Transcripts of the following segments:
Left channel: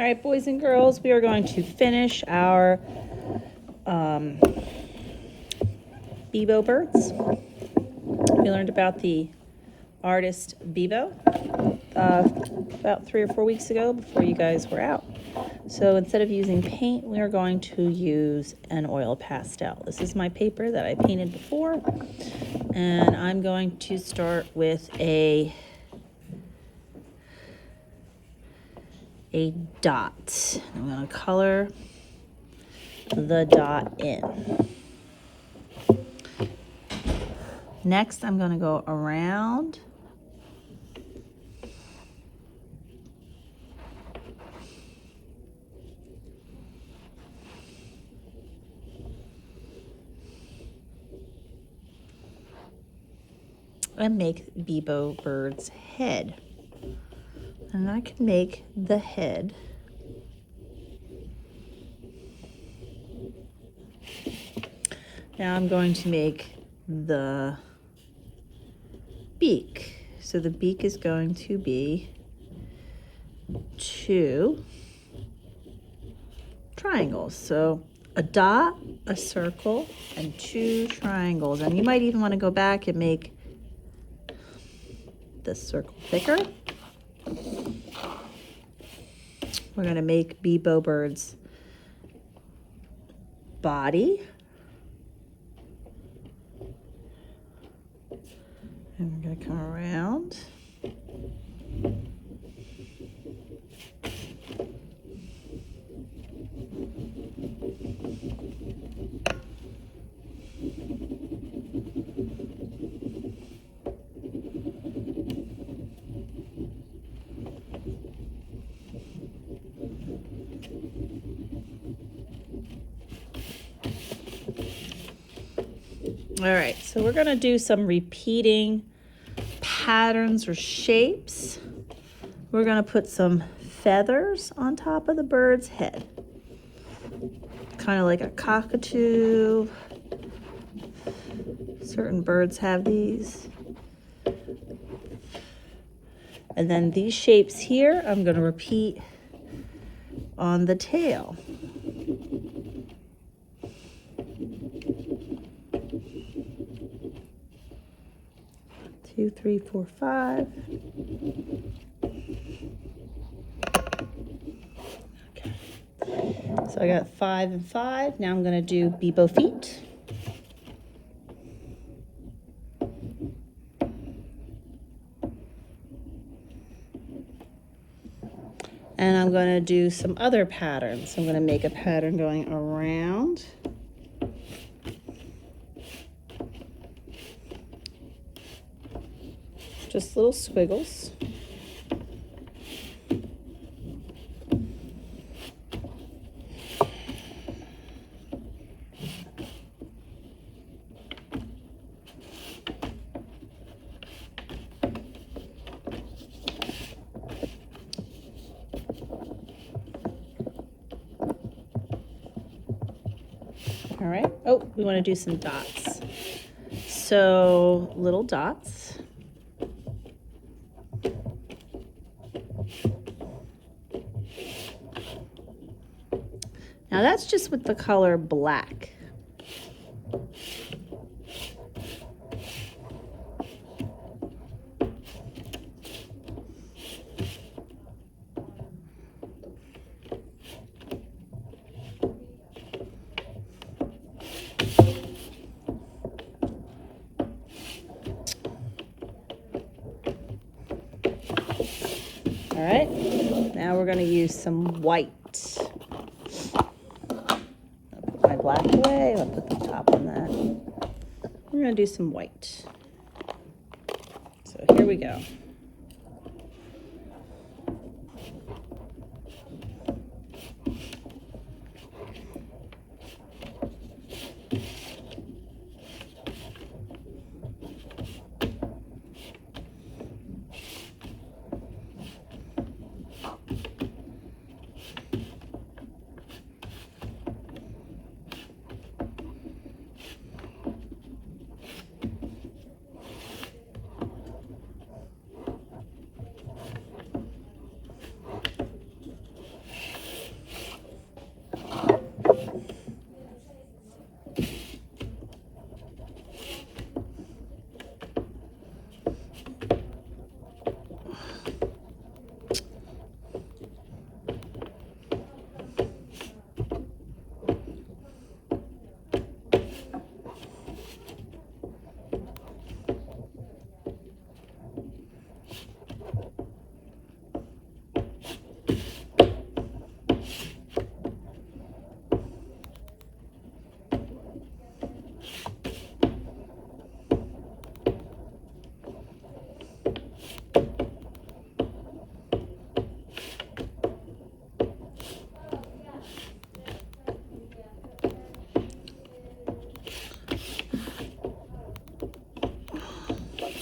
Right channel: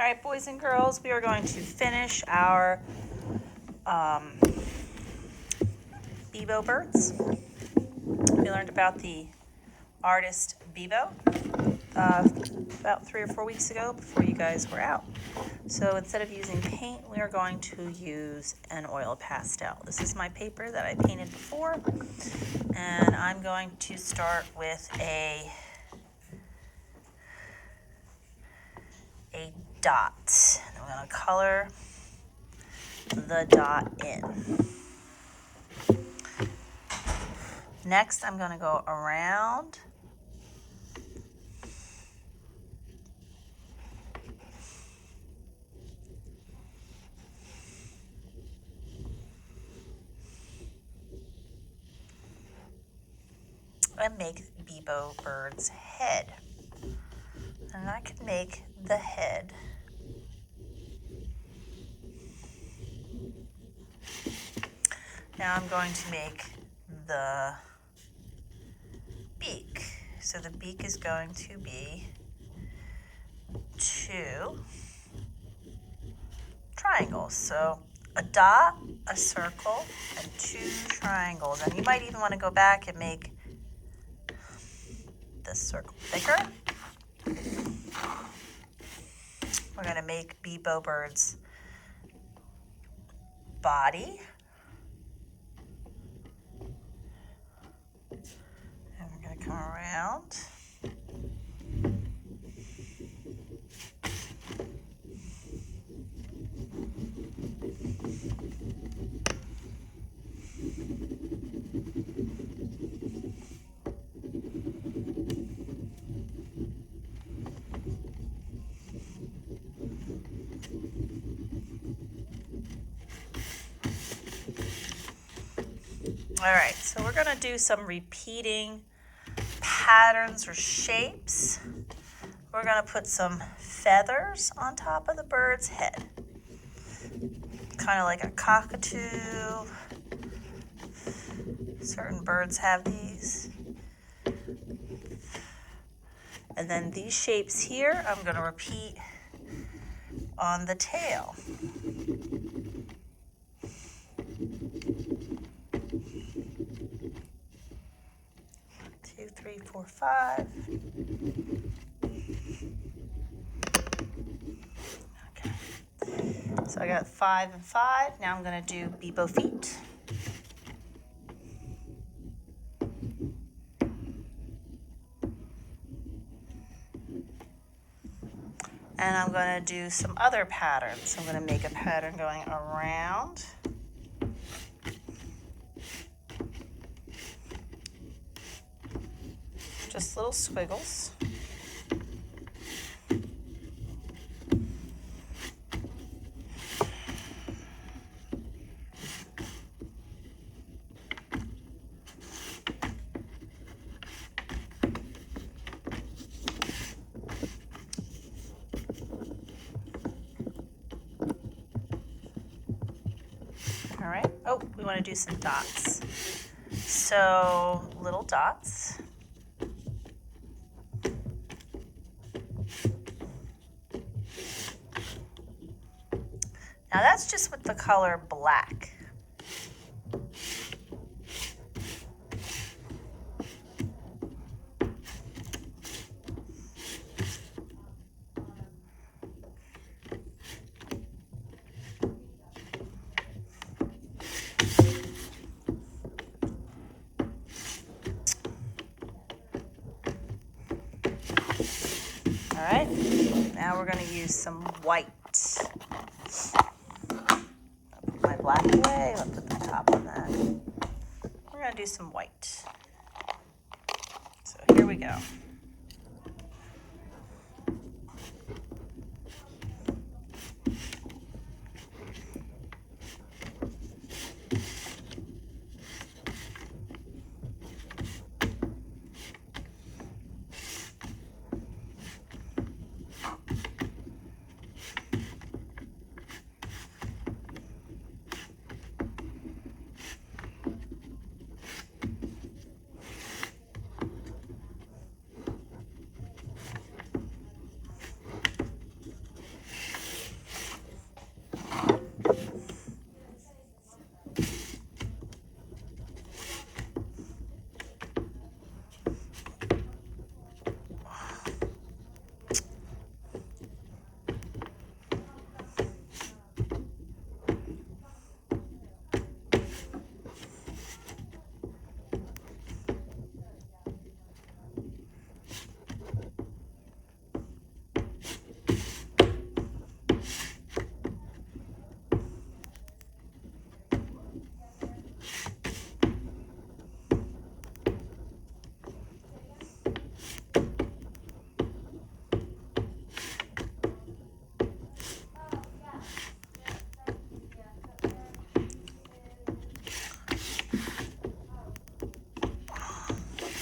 All right, boys and girls, we are going to finish our Bebo birds. We learned about the artist Bebo about 3 or 4 weeks ago before you guys were out. So instead of using paint, we are going to use an oil pastel. This is my paper that I painted before, and I'm going to start with a dot. I'm going to color the dot in. Next, I'm going to go around and make Bebo bird's head. And I can make the head now. I'm going to make the beak. So the beak is going to be 2 triangles. So a dot, a circle, and 2 triangles. And you might even want to go back and make this circle thicker. We're going to make Bebo bird's body. And we're going to come around. All right, so we're going to do some repeating patterns or shapes. We're going to put some feathers on top of the bird's head, kind of like a cockatoo. Certain birds have these. And then these shapes here, I'm going to repeat on the tail. Two, 3, 4, 5. Okay. So I got 5 and 5. Now I'm going to do Bebo feet. And I'm going to do some other patterns. I'm going to make a pattern going around. Just little squiggles. All right. Oh, we want to do some dots. So little dots. Now that's just with the color black. All right, now we're going to use some white. I'll put my black away. I'll put the top on that. We're going to do some white. So here we go.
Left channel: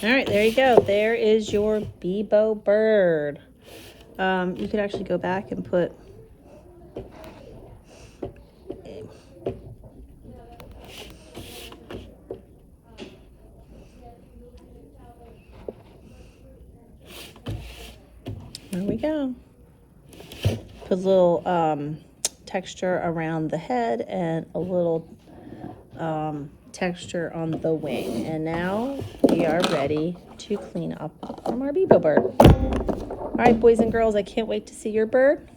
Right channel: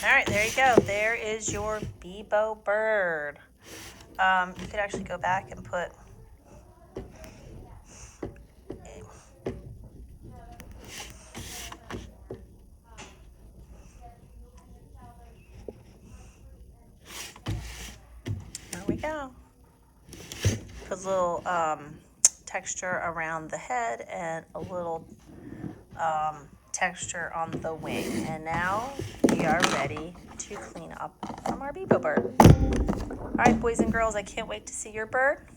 All right, there you go. There is your Bebo bird. You could actually go back and put there we go. Put a little texture around the head and a little texture on the wing. And now we are ready to clean up from our Bebo bird. All right, boys and girls, I can't wait to see your bird.